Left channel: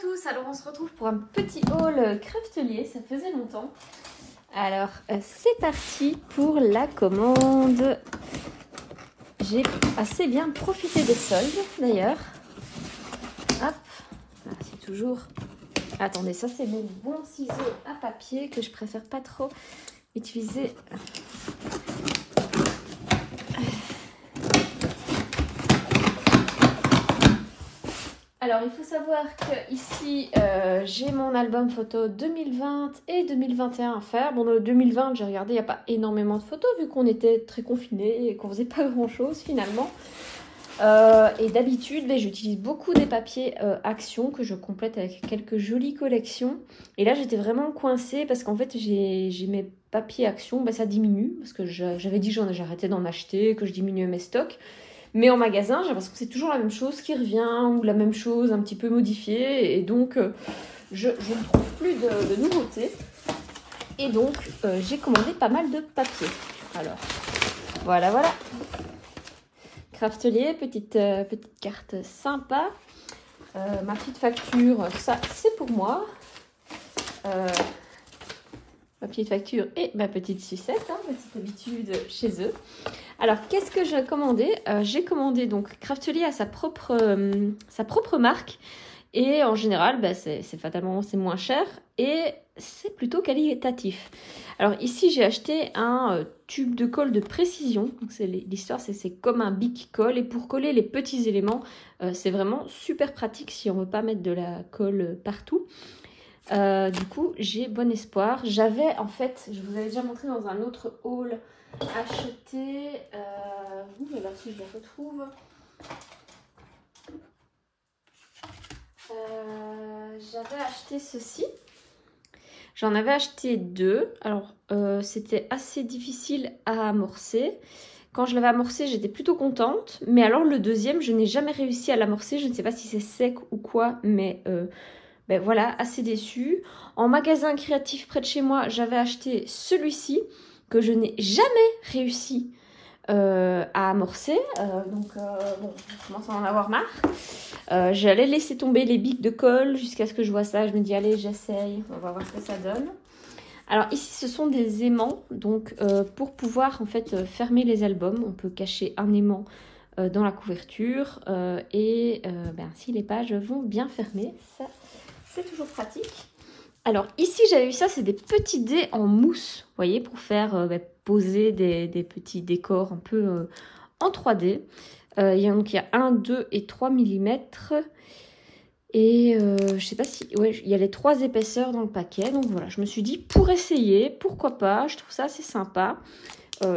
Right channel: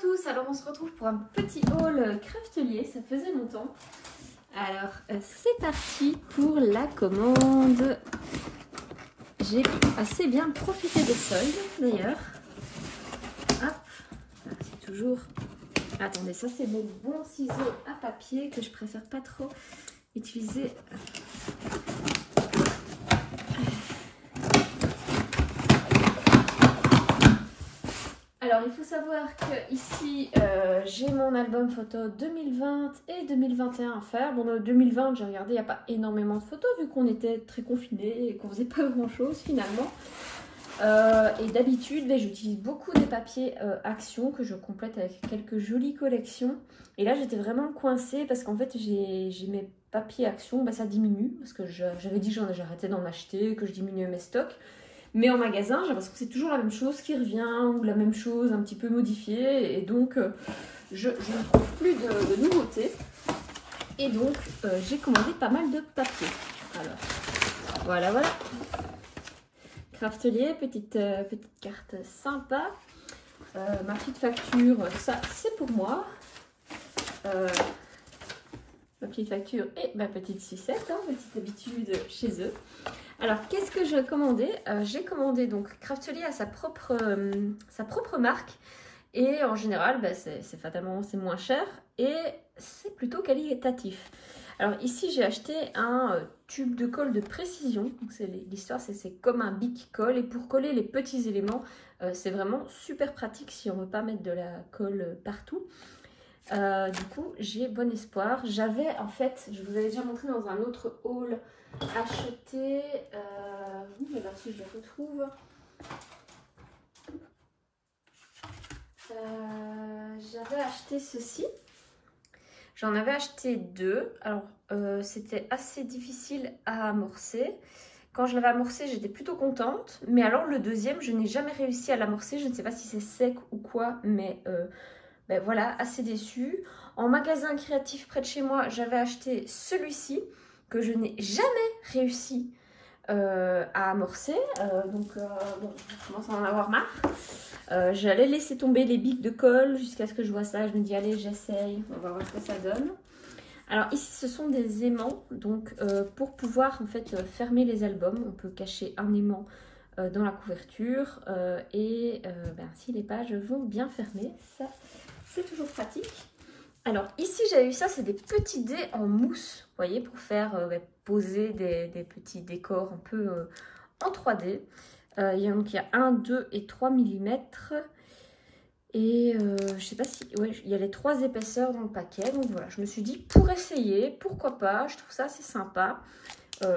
tous, alors on se retrouve pour un petit haul Craftelier, ça faisait longtemps. Alors c'est parti pour la commande. J'ai assez bien profité des soldes d'ailleurs. Hop, c'est toujours... Attendez, ça c'est mes bons ciseaux à papier que je préfère pas trop utiliser. Alors il faut savoir que ici j'ai mon album photo 2020 et 2021 à faire. Bon, le 2020 j'ai regardé, il n'y a pas énormément de photos vu qu'on était très confinés et qu'on faisait pas grand chose finalement. Et d'habitude j'utilise beaucoup des papiers Action que je complète avec quelques jolies collections. Et là j'étais vraiment coincée parce qu'en fait j'ai mes papiers Action, ça diminue parce que j'avais dit que j'arrêtais d'en acheter, que je diminuais mes stocks. Mais en magasin, j'ai l'impression que c'est toujours la même chose qui revient, ou la même chose un petit peu modifiée. Et donc, je ne trouve plus de nouveautés. Et donc, j'ai commandé pas mal de papier. Alors, voilà. Craftelier, petite carte sympa. Ma petite facture, ça, c'est pour moi. Ma petite facture et ma petite sucette, petite habitude chez eux. Alors, qu'est-ce que j'ai commandé? J'ai commandé donc Craftelier à sa propre marque. Et en général, c'est fatalement c'est moins cher et c'est plutôt qualitatif. Alors ici, j'ai acheté un tube de colle de précision. L'histoire, c'est comme un Bic colle. Et pour coller les petits éléments, c'est vraiment super pratique si on ne veut pas mettre de la colle partout. Du coup, j'ai bon espoir. J'avais, en fait, je vous avais déjà montré dans un autre haul, acheté... je vais voir si je la retrouve. J'avais acheté ceci. J'en avais acheté deux. Alors, c'était assez difficile à amorcer. Quand je l'avais amorcé, j'étais plutôt contente. Mais alors, le deuxième, je n'ai jamais réussi à l'amorcer. Je ne sais pas si c'est sec ou quoi, mais... voilà, assez déçue. En magasin créatif près de chez moi, j'avais acheté celui-ci que je n'ai jamais réussi à amorcer. Bon, je commence à en avoir marre. J'allais laisser tomber les bics de colle jusqu'à ce que je vois ça. Je me dis, allez, j'essaye. On va voir ce que ça donne. Alors ici, ce sont des aimants. Donc, pour pouvoir en fait fermer les albums, on peut cacher un aimant dans la couverture. Si les pages vont bien fermer, ça... c'est toujours pratique. Alors ici j'avais eu ça, c'est des petits dés en mousse, vous voyez, pour faire poser des petits décors un peu en 3D. Il y a 1, 2 et 3 mm. Et je sais pas si... Ouais, il y a les 3 épaisseurs dans le paquet. Donc voilà, je me suis dit pour essayer, pourquoi pas. Je trouve ça assez sympa.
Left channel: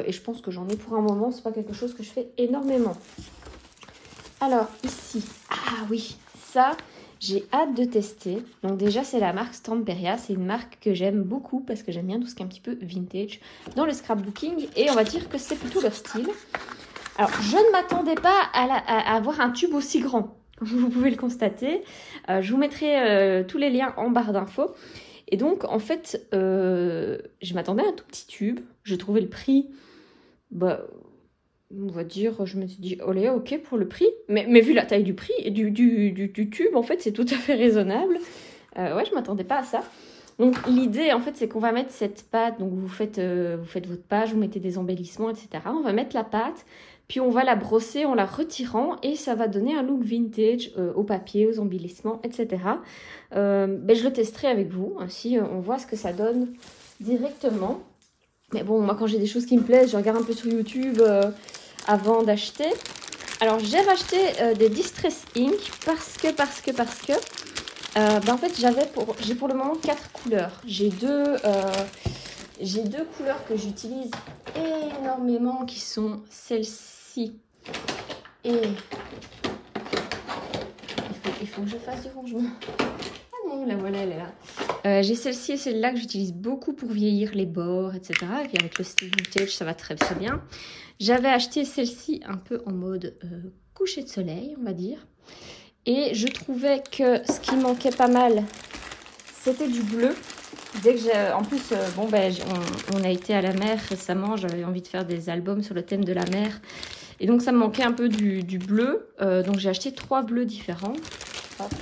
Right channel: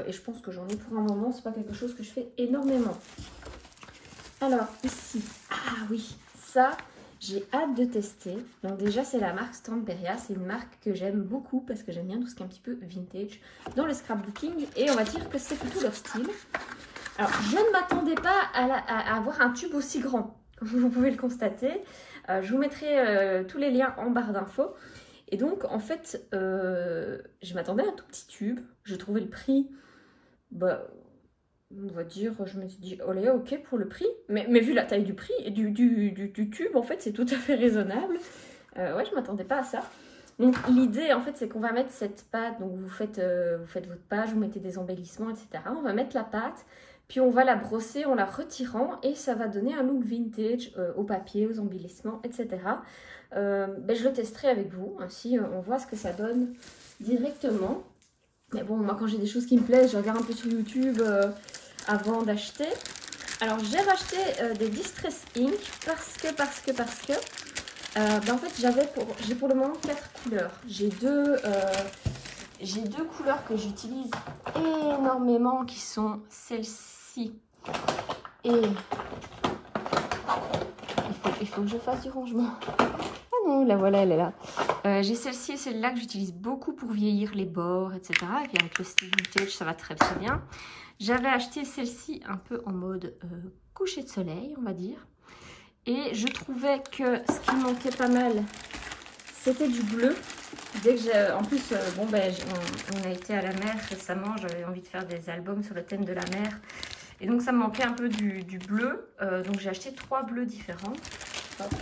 Et je pense que j'en ai pour un moment, c'est pas quelque chose que je fais énormément. Alors ici, ah oui, ça... j'ai hâte de tester. Donc déjà, c'est la marque Stamperia. C'est une marque que j'aime beaucoup parce que j'aime bien tout ce qui est un petit peu vintage dans le scrapbooking. Et on va dire que c'est plutôt leur style. Alors, je ne m'attendais pas à avoir un tube aussi grand. Vous pouvez le constater. Je vous mettrai tous les liens en barre d'infos. Et donc, en fait, je m'attendais à un tout petit tube. Je trouvais le prix... on va dire, je me suis dit, olé, ok pour le prix. Mais vu la taille du prix et du tube, en fait, c'est tout à fait raisonnable. Ouais, je m'attendais pas à ça. Donc, l'idée, en fait, c'est qu'on va mettre cette pâte. Donc, vous faites votre page, vous mettez des embellissements, etc. On va mettre la pâte, puis on va la brosser en la retirant. Et ça va donner un look vintage au papier, aux embellissements, etc. Je le testerai avec vous. Ainsi, on voit ce que ça donne directement. Mais bon, moi, quand j'ai des choses qui me plaisent, je regarde un peu sur YouTube... avant d'acheter. Alors j'ai racheté des Distress Ink parce que en fait j'ai pour le moment 4 couleurs. J'ai deux couleurs que j'utilise énormément qui sont celle-ci et il faut que je fasse du rangement. Ah non, la voilà, elle est là. J'ai celle-ci et celle-là que j'utilise beaucoup pour vieillir les bords, etc. Et puis avec le style vintage, ça va très très bien. J'avais acheté celle-ci un peu en mode coucher de soleil, on va dire. Et je trouvais que ce qui manquait pas mal, c'était du bleu. Dès que j'ai... En plus, on a été à la mer récemment. J'avais envie de faire des albums sur le thème de la mer. Et donc, ça me manquait un peu du bleu. Donc, j'ai acheté 3 bleus différents. Hop.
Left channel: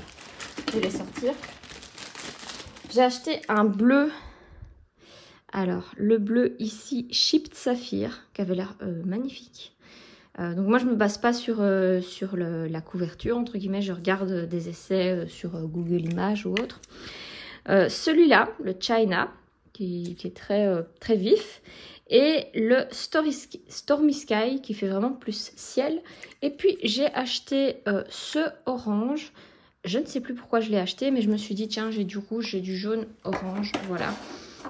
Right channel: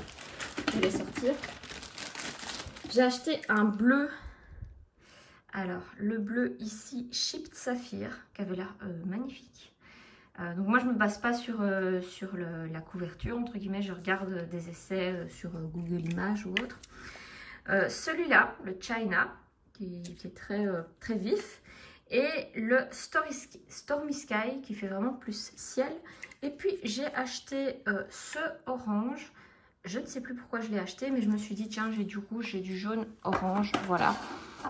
je vais les sortir. J'ai acheté un bleu. Alors, le bleu ici, Chipped Saphir, qui avait l'air magnifique. Donc moi, je ne me base pas sur la couverture, entre guillemets. Je regarde des essais sur Google Images ou autre. Celui-là, le China, qui est très vif. Et le Stormy Sky, qui fait vraiment plus ciel. Et puis, j'ai acheté ce orange. Je ne sais plus pourquoi je l'ai acheté, mais je me suis dit, tiens, j'ai du rouge, j'ai du jaune, orange, voilà.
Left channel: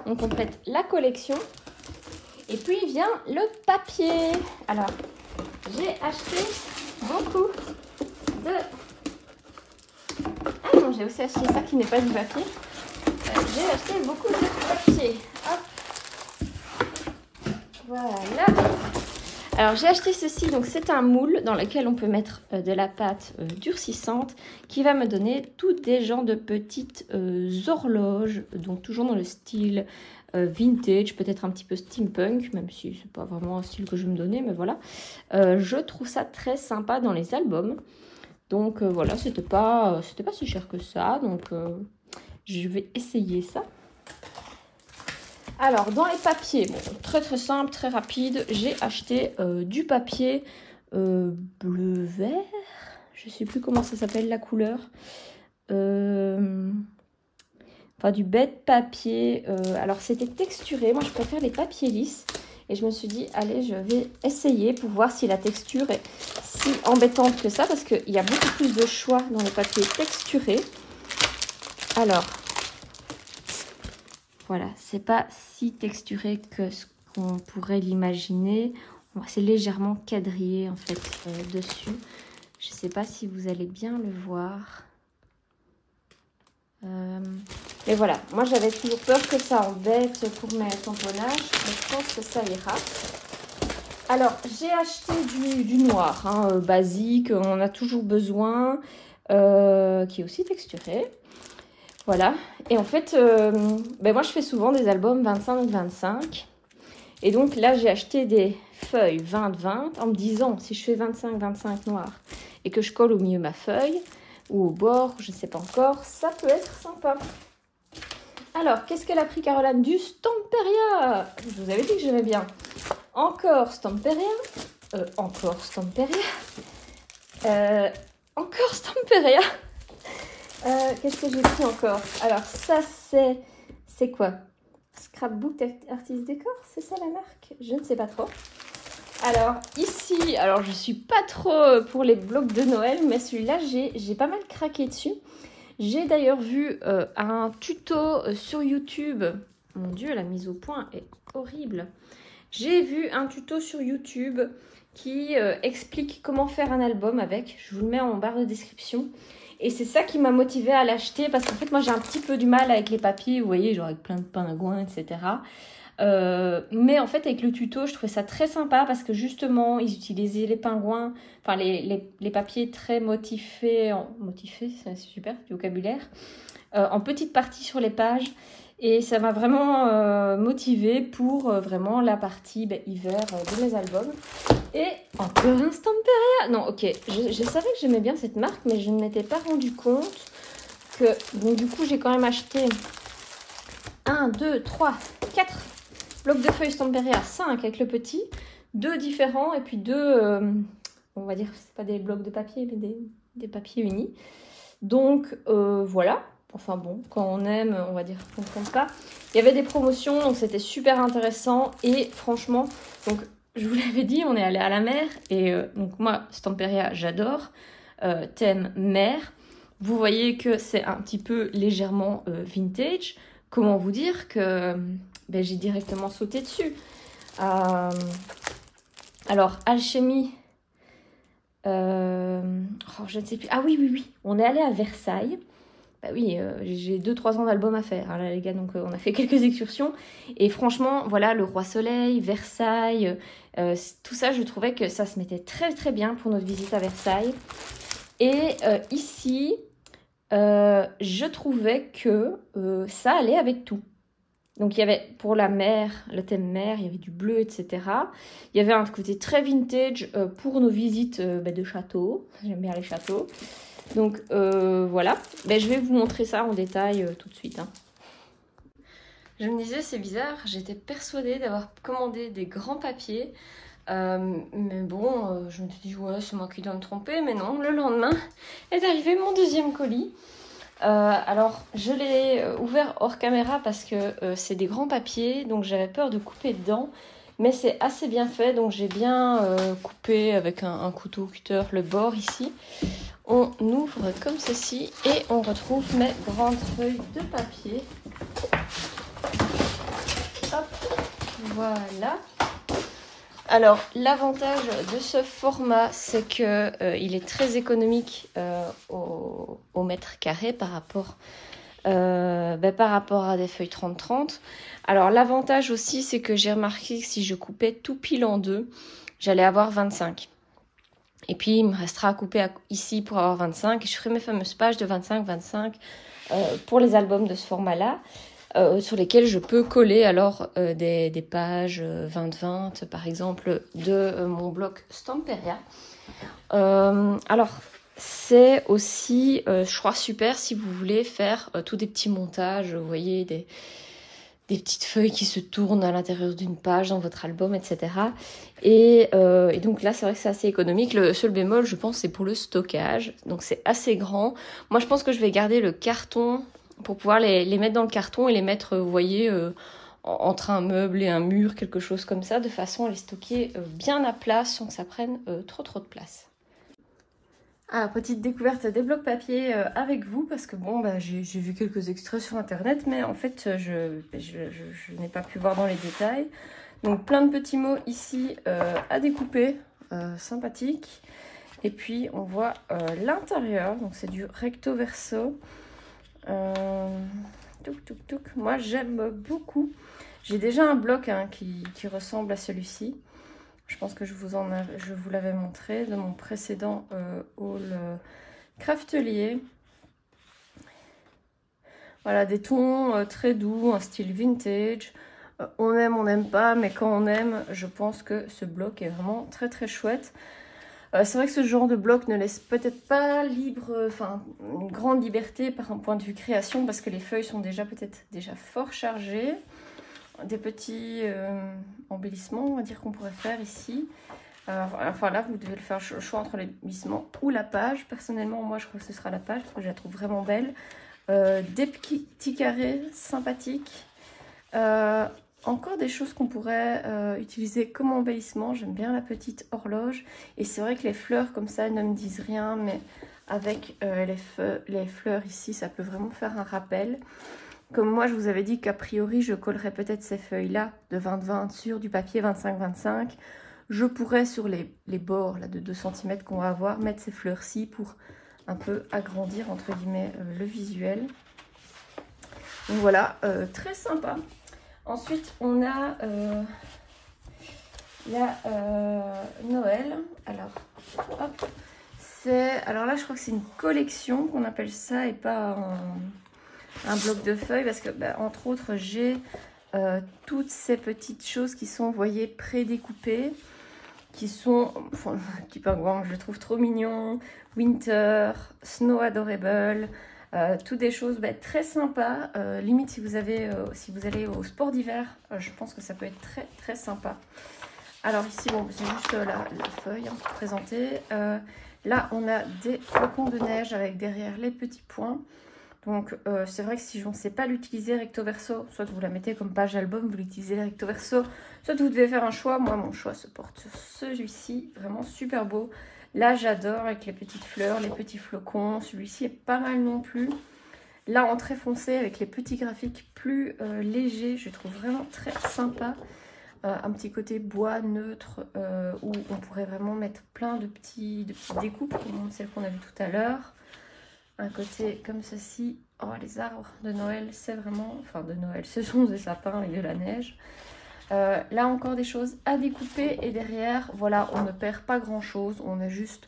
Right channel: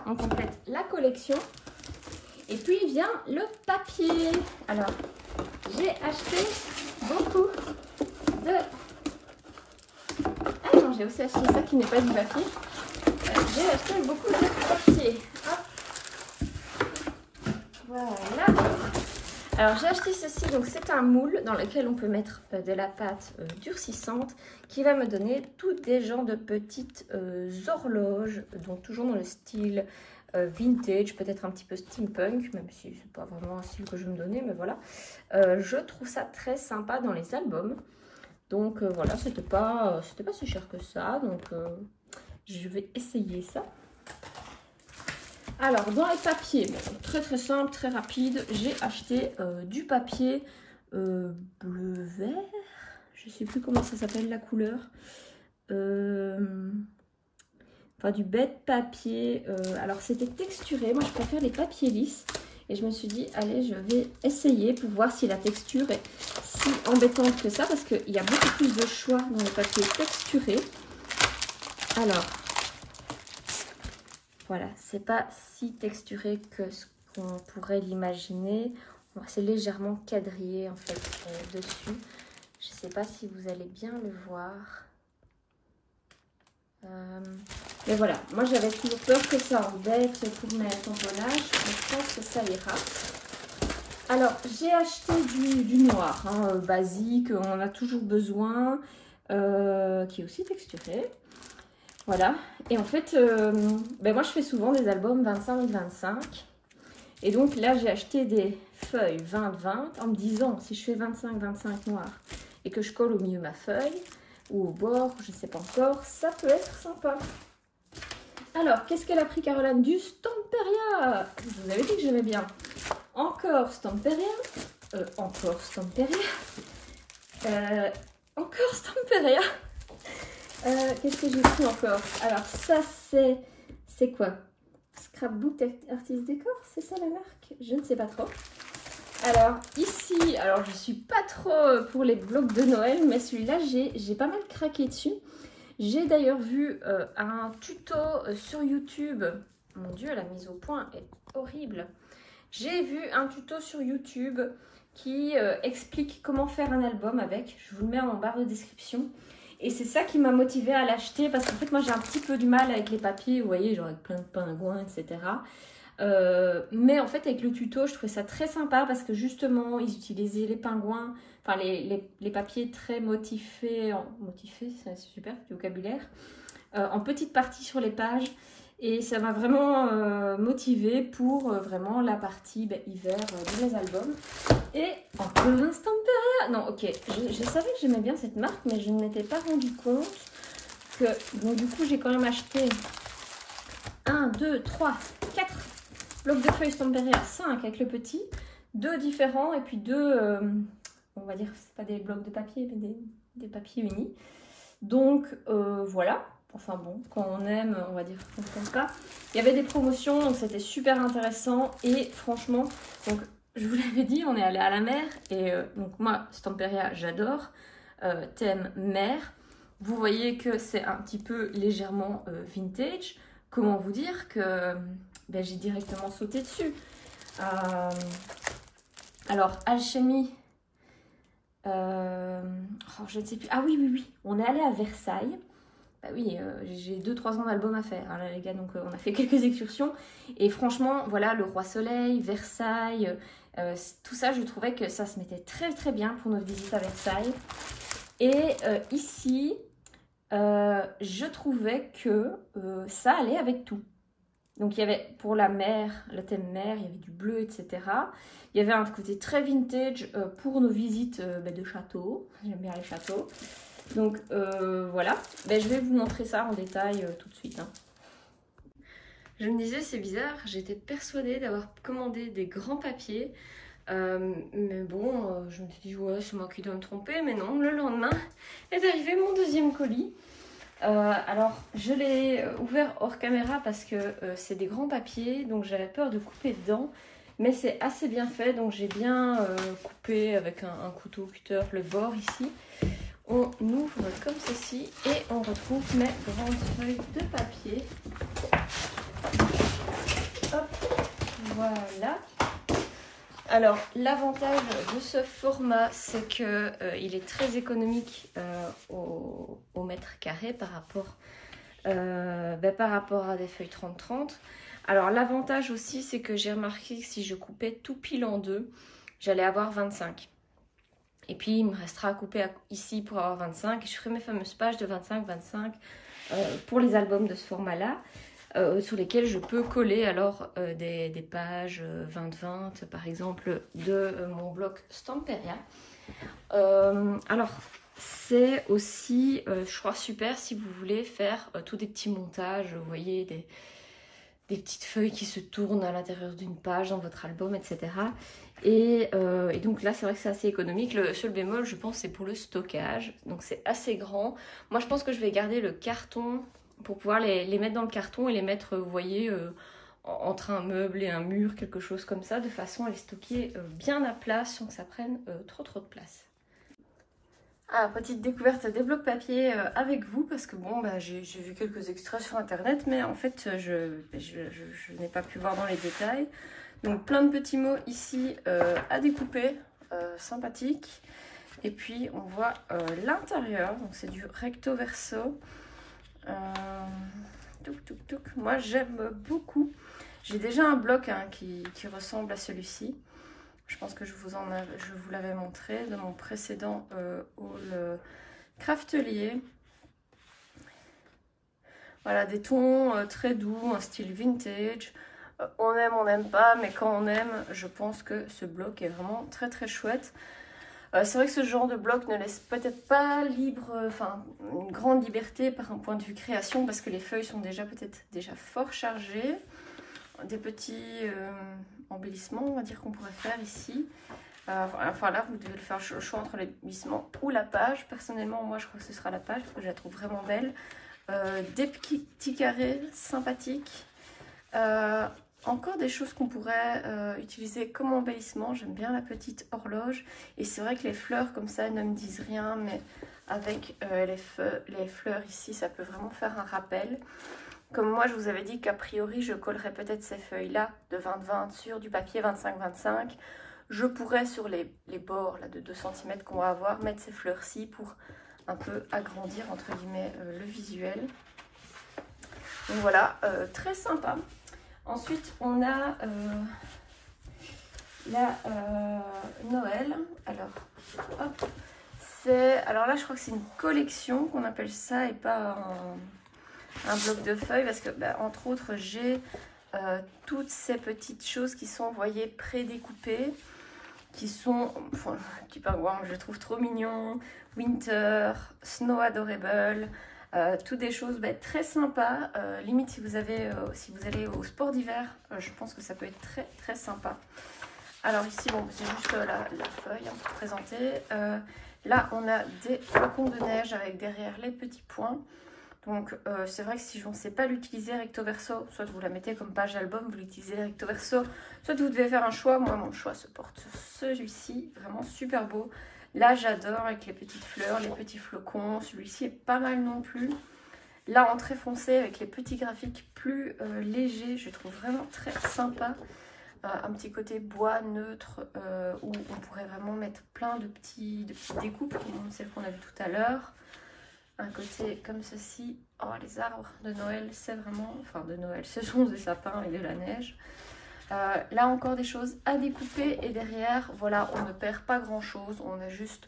On complète la collection. Et puis, vient le papier. Alors, j'ai acheté beaucoup de... Ah non, j'ai aussi acheté ça qui n'est pas du papier. J'ai acheté beaucoup de papier. Hop. Voilà. Alors j'ai acheté ceci, donc c'est un moule dans lequel on peut mettre de la pâte durcissante qui va me donner tous des genres de petites horloges, donc toujours dans le style vintage, peut-être un petit peu steampunk, même si c'est pas vraiment un style que je vais me donner, mais voilà. Je trouve ça très sympa dans les albums. Donc voilà, c'était pas si cher que ça, donc je vais essayer ça. Alors, dans les papiers, bon, très simple, très rapide, j'ai acheté du papier bleu-vert. Je ne sais plus comment ça s'appelle la couleur. Enfin, du bête papier. Alors, c'était texturé. Moi, je préfère les papiers lisses. Et je me suis dit, allez, je vais essayer pour voir si la texture est si embêtante que ça. Parce qu'il y a beaucoup plus de choix dans les papiers texturés. Alors... Voilà, c'est pas si texturé que ce qu'on pourrait l'imaginer. C'est légèrement quadrillé en fait dessus. Je sais pas si vous allez bien le voir. Mais voilà, moi j'avais toujours peur que ça embête pour mes tamponnages. Mais je pense que ça ira. Alors, j'ai acheté du noir, hein, basique, on en a toujours besoin, qui est aussi texturé. Voilà, et en fait, moi je fais souvent des albums 25-25. Et donc là, j'ai acheté des feuilles 20-20 en me disant, si je fais 25-25 noir et que je colle au milieu ma feuille, ou au bord, je ne sais pas encore, ça peut être sympa. Alors, qu'est-ce qu'elle a pris, Caroline? Du Stamperia. Je vous avais dit que j'aimais bien. Encore Stamperia. Encore Stamperia. Encore Stamperia. Qu'est-ce que j'ai pris encore? Alors ça c'est quoi? Scrapbook Artist Décor, c'est ça la marque? Je ne sais pas trop. Alors ici, alors je suis pas trop pour les blocs de Noël, mais celui-là j'ai pas mal craqué dessus. J'ai d'ailleurs vu un tuto sur YouTube. Mon Dieu, la mise au point est horrible. J'ai vu un tuto sur YouTube qui explique comment faire un album avec. Je vous le mets en barre de description. Et c'est ça qui m'a motivée à l'acheter parce qu'en fait, moi, j'ai un petit peu du mal avec les papiers, vous voyez, genre avec plein de pingouins, etc. Mais en fait, avec le tuto, je trouvais ça très sympa parce que justement, ils utilisaient les pingouins, enfin les papiers très motifés, c'est super, du vocabulaire, en petites parties sur les pages. Et ça m'a vraiment motivée pour vraiment la partie hiver de mes albums. Et encore un Stamperia. Non, ok, je savais que j'aimais bien cette marque, mais je ne m'étais pas rendu compte que... Donc du coup, j'ai quand même acheté 1, 2, 3, 4 blocs de feuilles Stamperia, 5 avec le petit, 2 différents, et puis 2, on va dire, c'est pas des blocs de papier, mais des papiers unis. Donc voilà. Enfin bon, quand on aime, on va dire qu'on ne compte pas. Il y avait des promotions, donc c'était super intéressant. Et franchement, donc je vous l'avais dit, on est allé à la mer. Et donc moi, Stamperia, j'adore. Thème mer. Vous voyez que c'est un petit peu légèrement vintage. Comment vous dire que j'ai directement sauté dessus. Alors, Alchimie. Je ne sais plus. Ah oui. On est allé à Versailles. Bah oui, j'ai 2-3 ans d'album à faire, hein, là les gars, donc on a fait quelques excursions. Et franchement, voilà, le Roi Soleil, Versailles, tout ça, je trouvais que ça se mettait très bien pour notre visite à Versailles. Et ici, je trouvais que ça allait avec tout. Donc il y avait pour la mer, le thème mer, il y avait du bleu, etc. Il y avait un côté très vintage pour nos visites de château. J'aime bien les châteaux. Donc voilà, ben, je vais vous montrer ça en détail tout de suite. Hein. Je me disais, c'est bizarre, j'étais persuadée d'avoir commandé des grands papiers. Mais bon, je me suis dit, ouais, c'est moi qui dois me tromper. Mais non, le lendemain est arrivé mon deuxième colis. Alors, je l'ai ouvert hors caméra parce que c'est des grands papiers. Donc, j'avais peur de couper dedans. Mais c'est assez bien fait. Donc, j'ai bien coupé avec un couteau cutter le bord ici. On ouvre comme ceci et on retrouve mes grandes feuilles de papier. Hop, voilà. Alors, l'avantage de ce format, c'est qu'il est très économique au mètre carré par rapport à des feuilles 30-30. Alors, l'avantage aussi, c'est que j'ai remarqué que si je coupais tout pile en deux, j'allais avoir 25. Et puis, il me restera à couper ici pour avoir 25. Et je ferai mes fameuses pages de 25-25 pour les albums de ce format-là. Sur lesquels je peux coller alors des pages 20-20 par exemple de mon bloc Stamperia. Alors c'est aussi je crois super si vous voulez faire tous des petits montages, vous voyez des petites feuilles qui se tournent à l'intérieur d'une page dans votre album, etc. Et donc là c'est vrai que c'est assez économique. Le seul bémol je pense c'est pour le stockage, donc c'est assez grand. Moi je pense que je vais garder le carton pour pouvoir les mettre dans le carton et les mettre, vous voyez, entre un meuble et un mur, quelque chose comme ça, de façon à les stocker bien à plat sans que ça prenne trop de place. Ah, petite découverte des blocs papier avec vous, parce que bon, bah, j'ai vu quelques extraits sur internet, mais en fait, je n'ai pas pu voir dans les détails. Donc plein de petits mots ici à découper, sympathique. Et puis on voit l'intérieur, donc c'est du recto verso. Moi j'aime beaucoup. J'ai déjà un bloc hein, qui ressemble à celui-ci. Je pense que je vous l'avais montré de mon précédent haul craftelier. Voilà, des tons très doux, un style vintage. On aime, on n'aime pas, mais quand on aime, je pense que ce bloc est vraiment très très chouette. C'est vrai que ce genre de bloc ne laisse peut-être pas une grande liberté par un point de vue création, parce que les feuilles sont peut-être déjà fort chargées. Des petits embellissements, on va dire, qu'on pourrait faire ici. Enfin là, vous devez le faire le choix entre l'embellissement ou la page. Personnellement, moi, je crois que ce sera la page, parce que je la trouve vraiment belle. Des petits carrés sympathiques. Encore des choses qu'on pourrait utiliser comme embellissement. J'aime bien la petite horloge. Et c'est vrai que les fleurs comme ça ne me disent rien, mais avec les fleurs ici, ça peut vraiment faire un rappel. Comme moi, je vous avais dit qu'a priori, je collerais peut-être ces feuilles-là de 20-20 sur du papier 25-25. Je pourrais, sur les bords là, de 2 cm qu'on va avoir, mettre ces fleurs-ci pour un peu agrandir, entre guillemets, le visuel. Donc voilà, très sympa. Ensuite, on a Noël. Alors, hop, alors là, je crois que c'est une collection qu'on appelle ça et pas un bloc de feuilles, parce que, bah, entre autres, j'ai toutes ces petites choses qui sont, vous voyez, prédécoupées, qui sont, enfin, petit pingouin, je le trouve trop mignon, Winter, Snow Adorable. Toutes des choses très sympas, limite si vous allez au sport d'hiver, je pense que ça peut être très très sympa. Alors ici, bon, c'est juste la feuille hein, pour présenter. Là, on a des flocons de neige avec derrière les petits points. Donc c'est vrai que si je ne sais pas l'utiliser recto verso, soit vous la mettez comme page album, vous l'utilisez recto verso, soit vous devez faire un choix. Moi, mon choix se porte sur celui-ci, vraiment super beau. Là, j'adore avec les petites fleurs, les petits flocons. Celui-ci est pas mal non plus. Là, en très foncé, avec les petits graphiques plus légers, je trouve vraiment très sympa. Un petit côté bois neutre où on pourrait vraiment mettre plein de petites découpes, comme celle qu'on a vue tout à l'heure. Un côté comme ceci. Oh, les arbres de Noël, c'est vraiment... Enfin, de Noël, ce sont des sapins et de la neige. Là encore des choses à découper et derrière voilà on ne perd pas grand chose, on a juste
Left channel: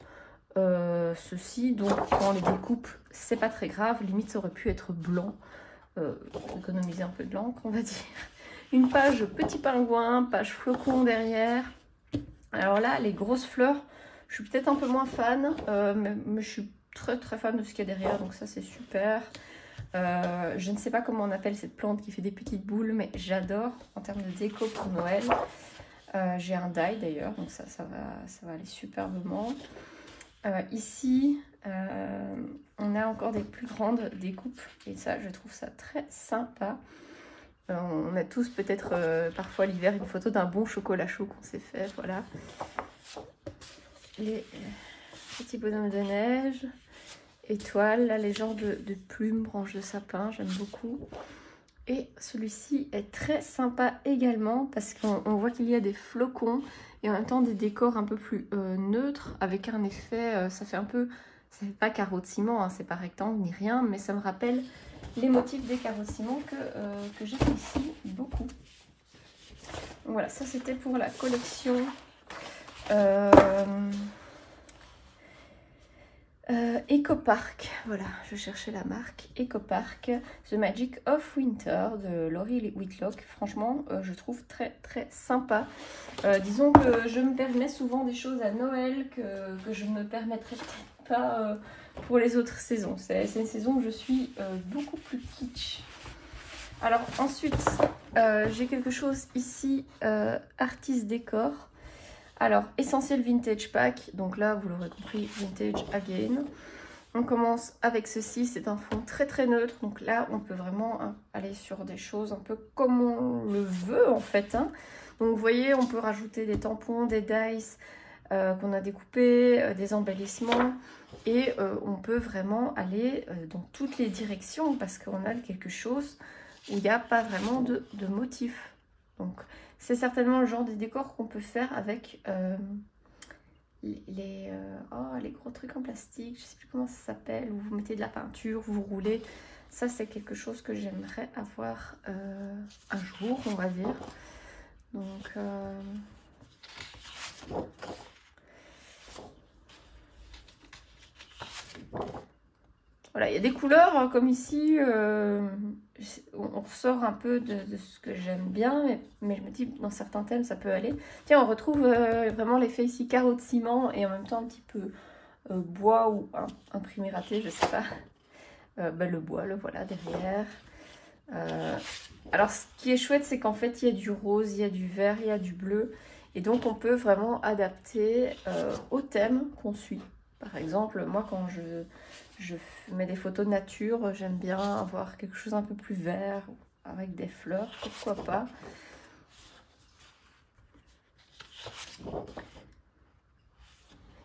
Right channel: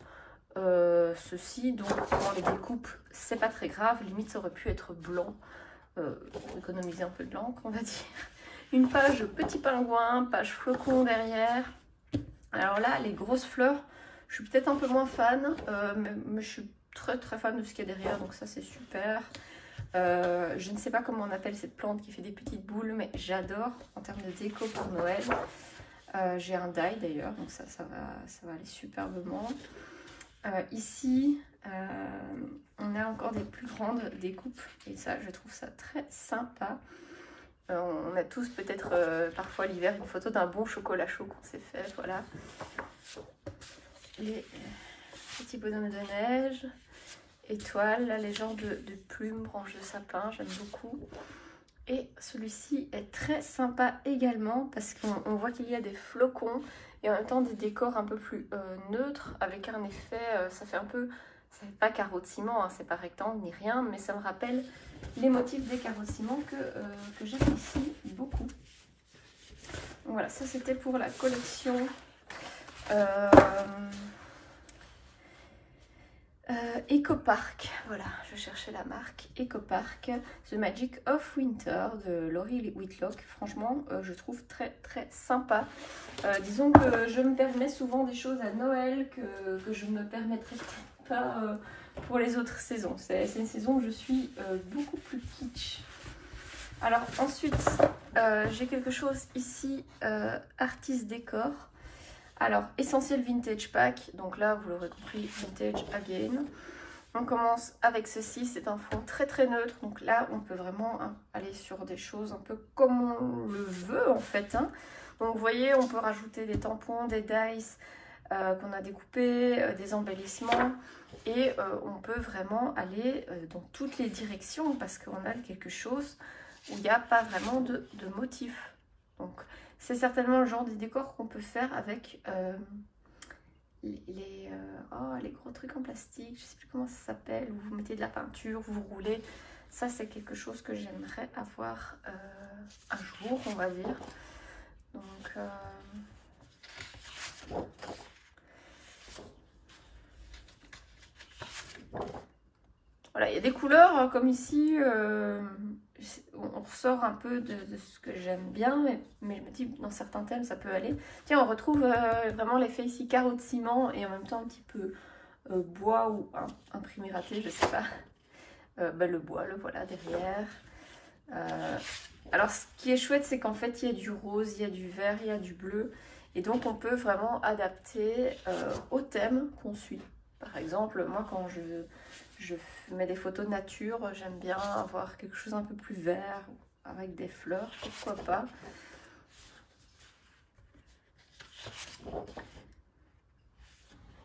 ceci, donc quand on les découpe c'est pas très grave, limite ça aurait pu être blanc, économiser un peu de l'encre on va dire. Une page petit pingouin, page flocon derrière. Alors là les grosses fleurs je suis peut-être un peu moins fan, mais je suis très fan de ce qu'il y a derrière, donc ça c'est super. Je ne sais pas comment on appelle cette plante qui fait des petites boules, mais j'adore en termes de déco pour Noël. J'ai un die d'ailleurs, donc ça va aller superbement. Ici, on a encore des plus grandes découpes et ça, je trouve ça très sympa. On a tous peut-être parfois l'hiver une photo d'un bon chocolat chaud qu'on s'est fait, voilà. Les petits bonhommes de neige, étoiles, là les genres de plumes, branches de sapin, j'aime beaucoup. Et celui-ci est très sympa également parce qu'on voit qu'il y a des flocons et en même temps des décors un peu plus neutres avec un effet, ça fait un peu, c'est pas carreau de ciment, hein, c'est pas rectangle ni rien, mais ça me rappelle les motifs des carreaux de ciment que j'apprécie beaucoup. Donc voilà, ça c'était pour la collection Ecopark. Voilà, je cherchais la marque Ecopark, The Magic of Winter de Laurie Whitlock. Franchement, je trouve très sympa. Disons que je me permets souvent des choses à Noël que je ne me permettrais peut-être pas pour les autres saisons. C'est une saison où je suis beaucoup plus kitsch. Alors ensuite, j'ai quelque chose ici, Artist Décor. Alors, Essentiel Vintage Pack, donc là, vous l'aurez compris, Vintage Again. On commence avec ceci, c'est un fond très neutre, donc là, on peut vraiment aller sur des choses un peu comme on le veut, en fait. Hein. Donc, vous voyez, on peut rajouter des tampons, des dice qu'on a découpés, des embellissements, et on peut vraiment aller dans toutes les directions, parce qu'on a quelque chose où il n'y a pas vraiment de motif. Donc, c'est certainement le genre de décor qu'on peut faire avec les gros trucs en plastique. Je ne sais plus comment ça s'appelle. Où vous mettez de la peinture, vous roulez. Ça, c'est quelque chose que j'aimerais avoir un jour, on va dire. Donc, voilà, il y a des couleurs comme ici. On ressort un peu de ce que j'aime bien, mais je me dis dans certains thèmes ça peut aller. Tiens, on retrouve vraiment l'effet ici carreau de ciment et en même temps un petit peu bois ou imprimé raté, je sais pas. Le bois, le voilà derrière. Alors ce qui est chouette, c'est qu'en fait il y a du rose, il y a du vert, il y a du bleu. Et donc on peut vraiment adapter au thème qu'on suit. Par exemple, moi quand je mets des photos de nature, j'aime bien avoir quelque chose un peu plus vert, avec des fleurs, pourquoi pas.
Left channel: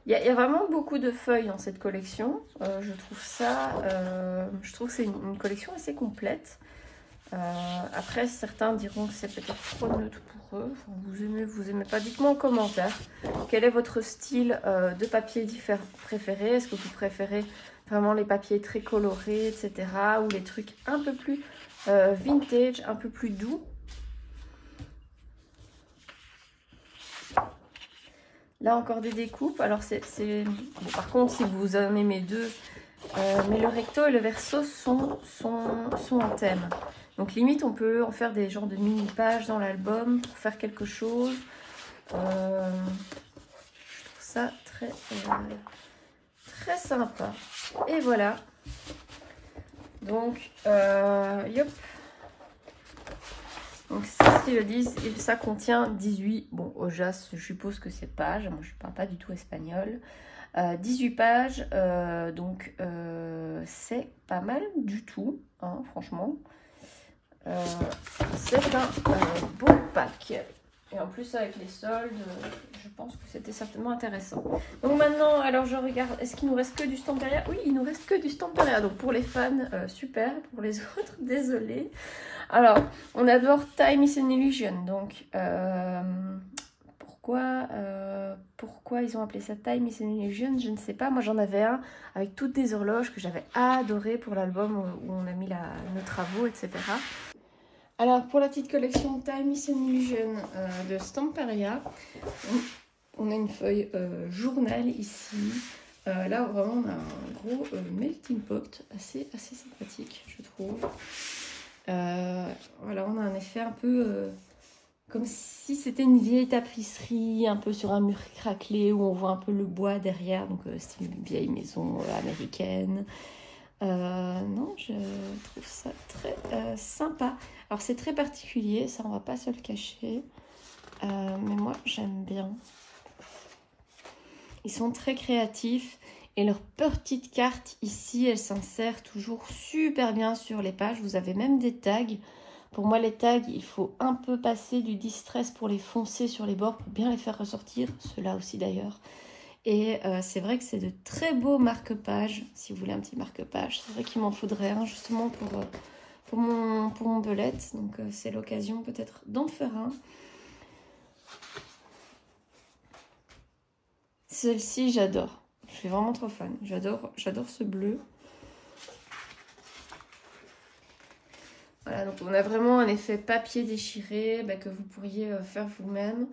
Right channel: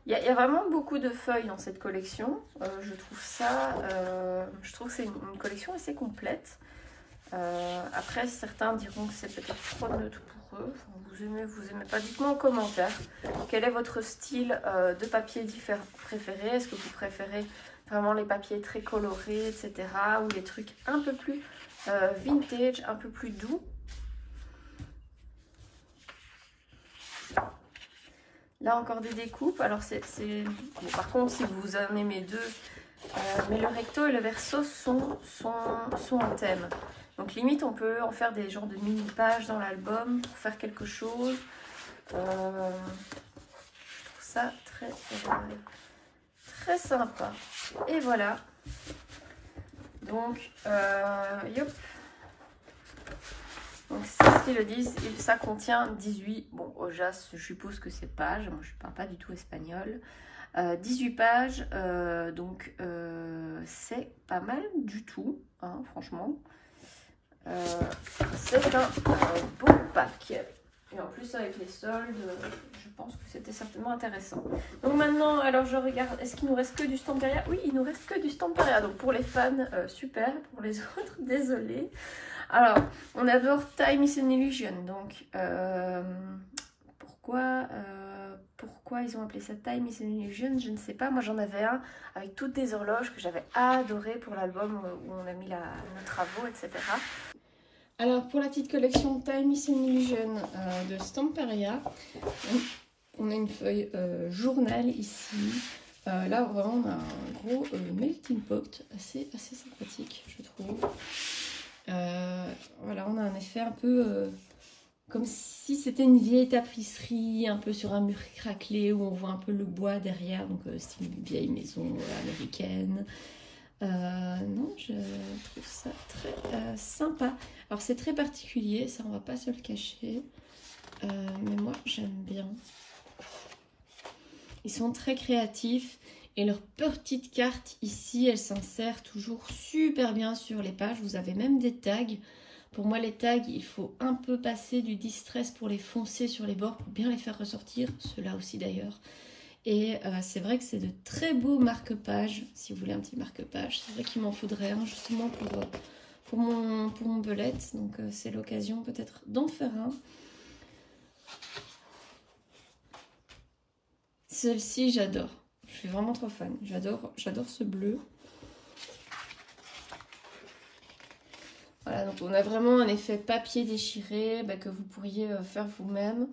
Il y a vraiment beaucoup de feuilles dans cette collection. Je trouve que c'est une collection assez complète. Après, certains diront que c'est peut-être trop neutre pour eux. Vous aimez pas, dites-moi en commentaire. Quel est votre style de papier préféré? Est-ce que vous préférez vraiment les papiers très colorés, etc. ou les trucs un peu plus vintage, un peu plus doux? Là encore des découpes. Alors par contre, si vous en aimez deux, mais le recto et le verso sont en thème. Donc limite, on peut en faire des genres de mini-pages dans l'album pour faire quelque chose. Je trouve ça très sympa. Et voilà. Donc, yop. Donc c'est ce qu'ils disent, et ça contient 18, bon Ojas, je suppose que c'est pages, moi je ne parle pas du tout espagnol, 18 pages, donc c'est pas mal du tout, hein, franchement. C'est un bon pack. Et en plus avec les soldes, je pense que c'était certainement intéressant. Donc maintenant, alors je regarde, est-ce qu'il nous reste que du Stamperia? Oui, il nous reste que du Stamperia. Donc pour les fans, super. Pour les autres, désolé. Alors, on adore Time is an Illusion. Donc, pourquoi ils ont appelé ça Time is an Illusion? Je ne sais pas. Moi, j'en avais un avec toutes des horloges que j'avais adoré pour l'album où on a mis nos travaux, etc. Alors, pour la petite collection Time is an Illusion de Stamperia, on a une feuille journal ici. Là, vraiment, on a un gros melting pot assez sympathique, je trouve. Voilà, on a un effet un peu comme si c'était une vieille tapisserie, un peu sur un mur craquelé, où on voit un peu le bois derrière. Donc c'est une vieille maison américaine. Non, je trouve ça très sympa. Alors c'est très particulier, ça on va pas se le cacher. Mais moi j'aime bien. Ils sont très créatifs. Et leur petite carte ici, elle s'insère toujours super bien sur les pages. Vous avez même des tags. Pour moi, les tags, il faut un peu passer du distress pour les foncer sur les bords, pour bien les faire ressortir. Ceux-là aussi d'ailleurs. Et c'est vrai que c'est de très beaux marque-pages. Si vous voulez un petit marque-page, c'est vrai qu'il m'en faudrait un justement pour mon belette. Donc c'est l'occasion peut-être d'en faire un. Celle-ci, j'adore. Je suis vraiment trop fan. J'adore ce bleu. Voilà, donc on a vraiment un effet papier déchiré que vous pourriez faire vous-même.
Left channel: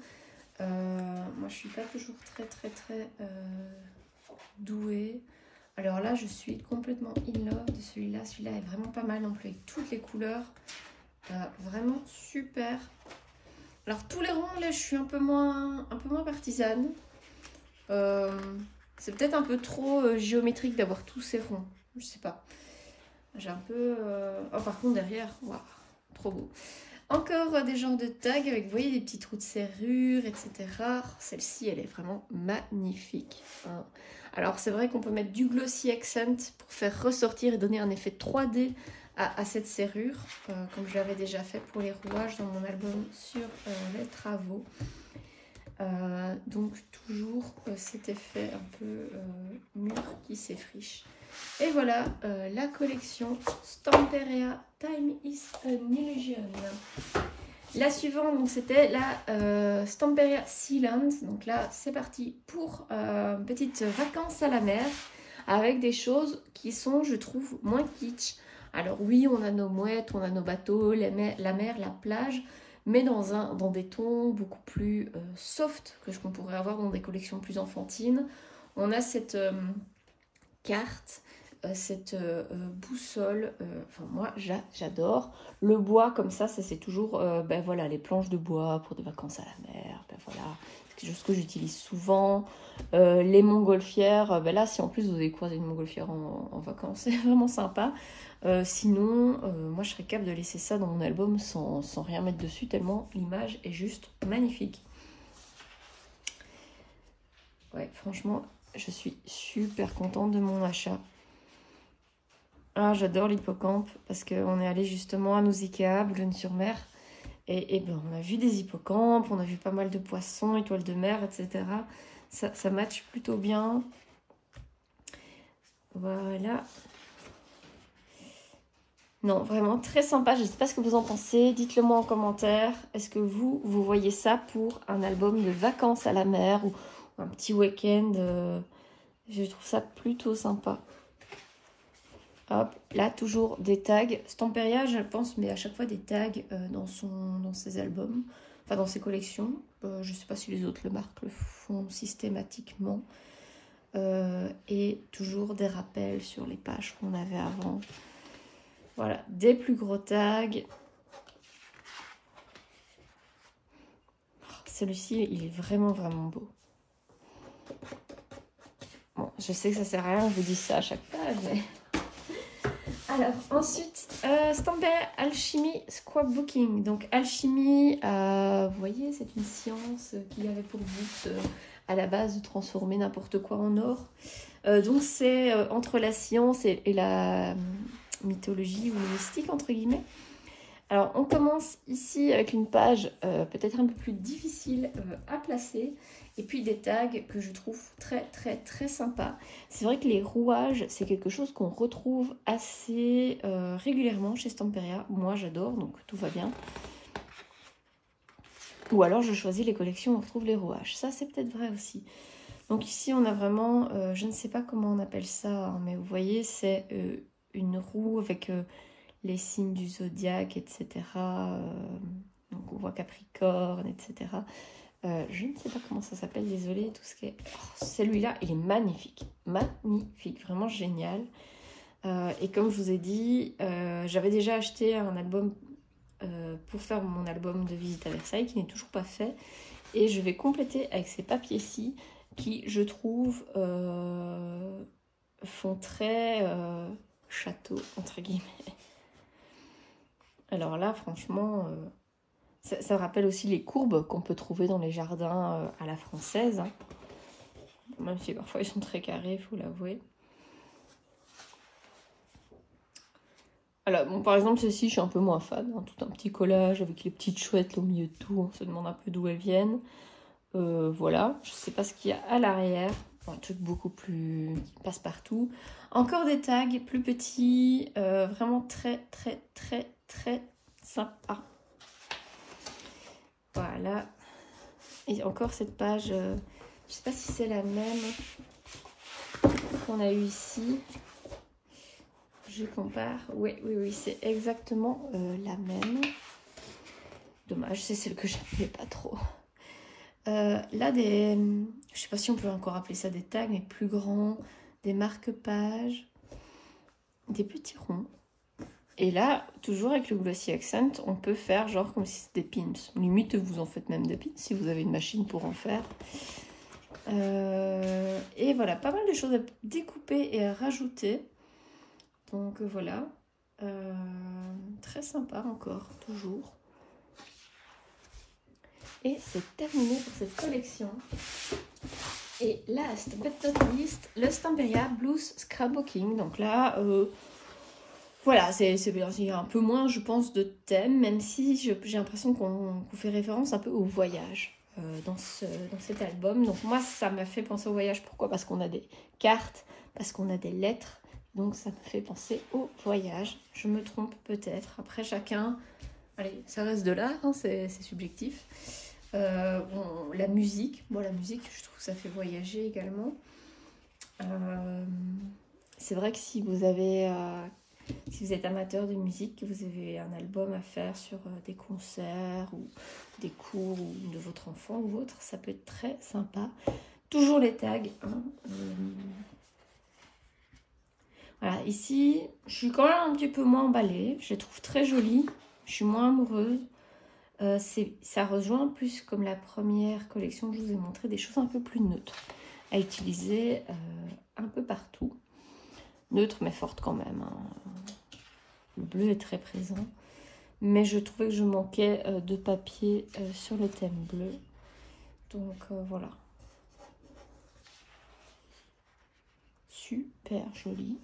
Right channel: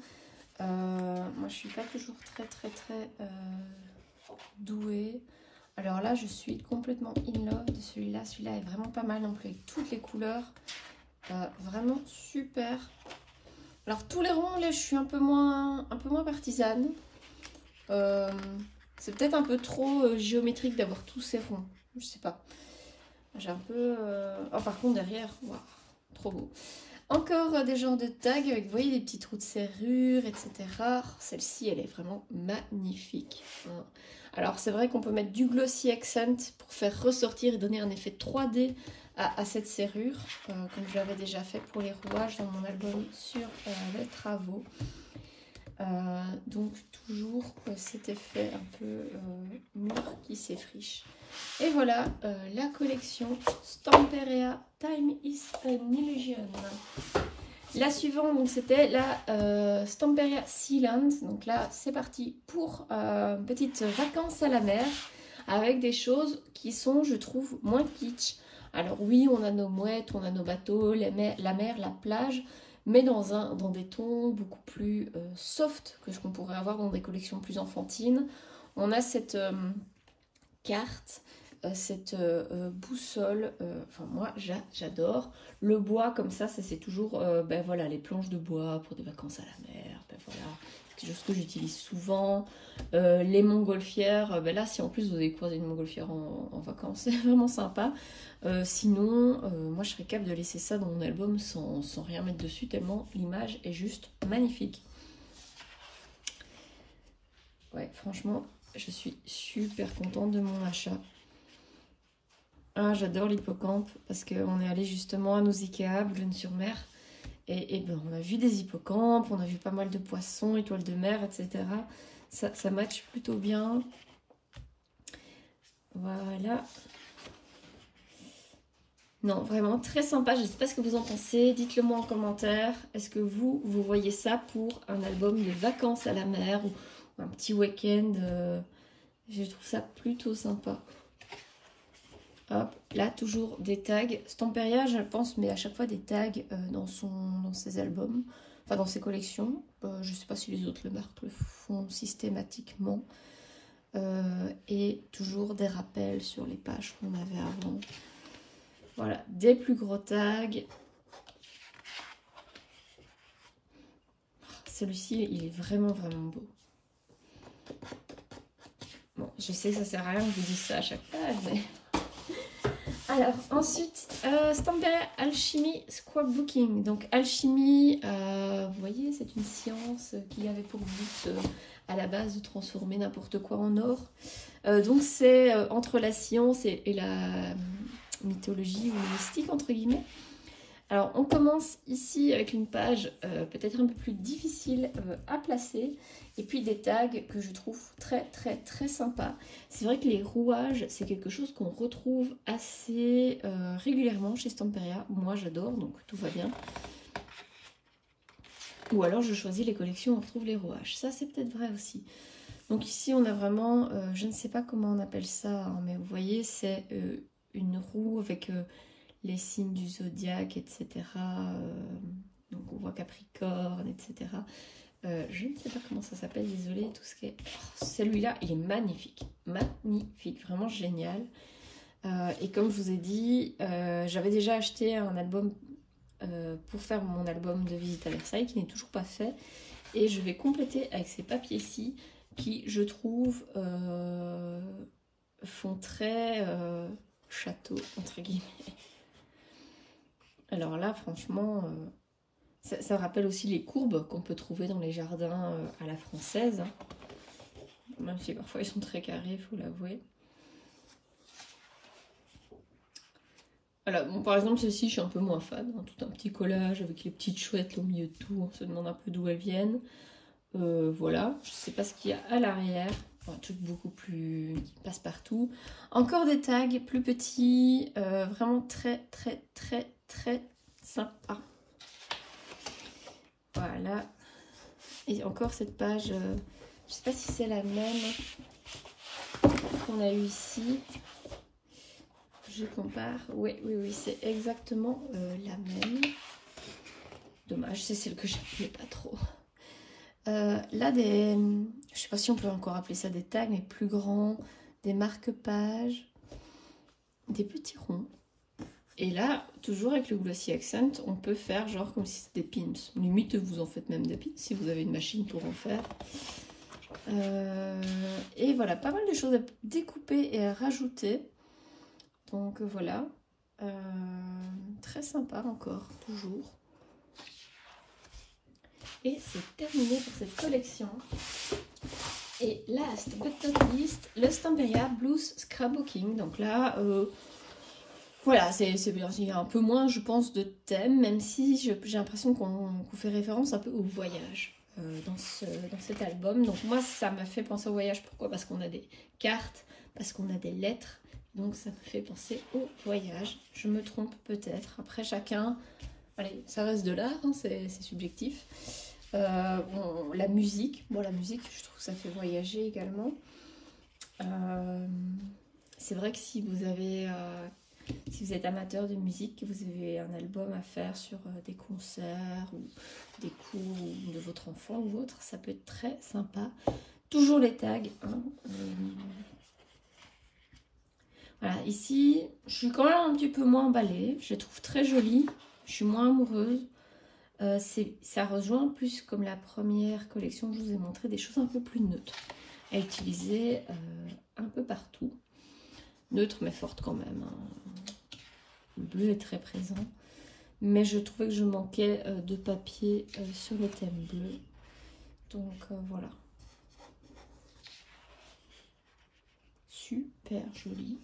Moi, je suis pas toujours très douée. Alors là, je suis complètement in love de celui-là. Celui-là est vraiment pas mal non plus avec toutes les couleurs. Vraiment super. Alors tous les ronds, là, je suis un peu moins partisane. C'est peut-être un peu trop géométrique d'avoir tous ces ronds. Je sais pas. J'ai un peu... Oh, par contre, derrière, waouh, trop beau. Encore des genres de tags avec, vous voyez, des petits trous de serrure, etc. Celle-ci, elle est vraiment magnifique. Alors, c'est vrai qu'on peut mettre du Glossy Accent pour faire ressortir et donner un effet 3D à cette serrure, comme je l'avais déjà fait pour les rouages dans mon album sur les travaux. Donc toujours cet effet un peu mûr qui s'effriche. Et voilà la collection Stamperia Time is an Illusion. La suivante, donc c'était la Stamperia Sealand. Donc là c'est parti pour petites vacances à la mer avec des choses qui sont, je trouve, moins kitsch. Alors oui, on a nos mouettes, on a nos bateaux, la mer, la plage, mais dans des tons beaucoup plus soft que ce qu'on pourrait avoir dans des collections plus enfantines. On a cette carte, cette boussole, enfin moi j'adore. Le bois comme ça c'est toujours voilà, les planches de bois pour des vacances à la mer, voilà, c'est quelque chose que j'utilise souvent. Les montgolfières, là si en plus vous avez croisé une montgolfière en vacances, c'est vraiment sympa. Sinon, moi je serais capable de laisser ça dans mon album sans rien mettre dessus, tellement l'image est juste magnifique. Ouais, franchement, je suis super contente de mon achat. Ah, j'adore l'hippocampe parce qu'on est allé justement à Nausicaa, Boulogne-sur-Mer. Et ben, on a vu des hippocampes, on a vu pas mal de poissons, étoiles de mer, etc. Ça match plutôt bien. Voilà. Non, vraiment très sympa. Je ne sais pas ce que vous en pensez. Dites-le moi en commentaire. Est-ce que vous voyez ça pour un album de vacances à la mer ou un petit week-end? Je trouve ça plutôt sympa. Hop, là, toujours des tags. Stamperia, je pense, mais à chaque fois des tags dans ses albums, enfin dans ses collections. Je ne sais pas si les autres marques le font systématiquement. Et toujours des rappels sur les pages qu'on avait avant. Voilà, des plus gros tags. Celui-ci, il est vraiment beau. Bon, je sais que ça sert à rien, je vous dis ça à chaque page. Mais... Alors, ensuite, Stamperia Alchemy Scrapbooking. Donc, alchimie, vous voyez, c'est une science qui avait pour but à la base de transformer n'importe quoi en or. Donc, c'est entre la science et la... mythologie ou mystique entre guillemets. Alors on commence ici avec une page peut-être un peu plus difficile à placer et puis des tags que je trouve très sympa. C'est vrai que les rouages c'est quelque chose qu'on retrouve assez régulièrement chez Stamperia. Moi j'adore, donc tout va bien. Ou alors je choisis les collections où on retrouve les rouages. Ça c'est peut-être vrai aussi. Donc ici on a vraiment, je ne sais pas comment on appelle ça, hein, mais vous voyez c'est une roue avec les signes du zodiaque, etc. Donc on voit Capricorne, etc. Je ne sais pas comment ça s'appelle, désolée. Tout ce qui est... Oh, celui-là, il est magnifique. Magnifique, vraiment génial. Et comme je vous ai dit, j'avais déjà acheté un album pour faire mon album de visite à Versailles qui n'est toujours pas fait. Et je vais compléter avec ces papiers-ci qui, je trouve, font très château, entre guillemets. Alors là, franchement, ça rappelle aussi les courbes qu'on peut trouver dans les jardins à la française. Hein. Même si parfois ils sont très carrés, il faut l'avouer. Voilà, bon, par exemple, ceci, je suis un peu moins fan. Hein, tout un petit collage avec les petites chouettes au milieu de tout. On se demande un peu d'où elles viennent. Voilà, je ne sais pas ce qu'il y a à l'arrière. Un truc beaucoup plus... qui passe partout. Encore des tags plus petits. Vraiment très, très, très, très sympa. Voilà. Et encore cette page... je ne sais pas si c'est la même qu'on a eu ici. Je compare. Oui, c'est exactement la même. Dommage, c'est celle que j'aimais pas trop. Là, je sais pas si on peut encore appeler ça des tags, mais plus grands, des marque-pages, des petits ronds. Et là, toujours avec le Glossy Accent, on peut faire genre comme si c'était des pins. Limite, vous en faites même des pins si vous avez une machine pour en faire. Et voilà, pas mal de choses à découper et à rajouter. Donc voilà, très sympa encore, toujours. Et c'est terminé pour cette collection. Et last but not least, le Stamperia Blues Scrapbooking. Donc là, voilà, c'est un peu moins, je pense, de thème, même si j'ai l'impression qu'on fait référence un peu au voyage dans cet album. Donc moi, ça m'a fait penser au voyage. Pourquoi? Parce qu'on a des cartes, parce qu'on a des lettres. Donc ça me fait penser au voyage. Je me trompe peut-être. Après chacun, allez, ça reste de l'art, hein, c'est subjectif. Bon, la musique, je trouve que ça fait voyager également. C'est vrai que si vous êtes amateur de musique, que vous avez un album à faire sur des concerts ou des cours ou de votre enfant ou autre, ça peut être très sympa. Toujours les tags, hein. Voilà, ici, je suis quand même un petit peu moins emballée. Je les trouve très jolies. Je suis moins amoureuse. Ça rejoint plus comme la première collection que je vous ai montré, des choses un peu plus neutres à utiliser un peu partout. Neutre mais forte quand même. Hein. Le bleu est très présent. Mais je trouvais que je manquais de papier sur le thème bleu. Donc voilà. Super joli.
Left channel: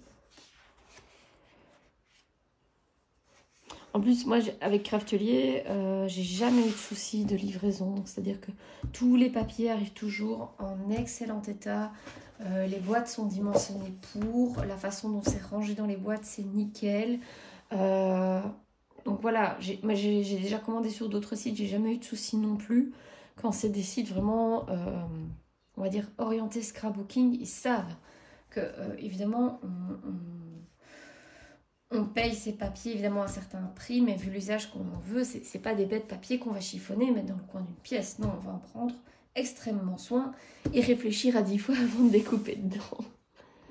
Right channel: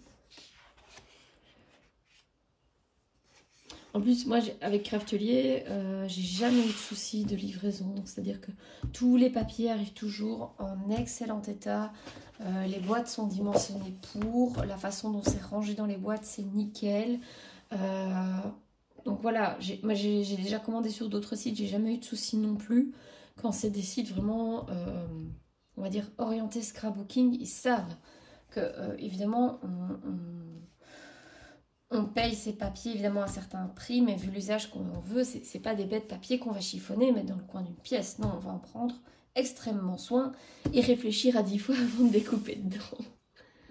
En plus, moi, avec Craftelier, j'ai jamais eu de souci de livraison. C'est-à-dire que tous les papiers arrivent toujours en excellent état. Les boîtes sont dimensionnées pour. La façon dont c'est rangé dans les boîtes, c'est nickel. Donc voilà, moi j'ai déjà commandé sur d'autres sites. J'ai jamais eu de souci non plus. Quand c'est des sites vraiment, on va dire, orientés scrapbooking, ils savent que, évidemment, on paye ces papiers évidemment à un certain prix, mais vu l'usage qu'on en veut, c'est pas des bêtes papier qu'on va chiffonner et mettre dans le coin d'une pièce. Non, on va en prendre extrêmement soin et réfléchir à 10 fois avant de découper dedans.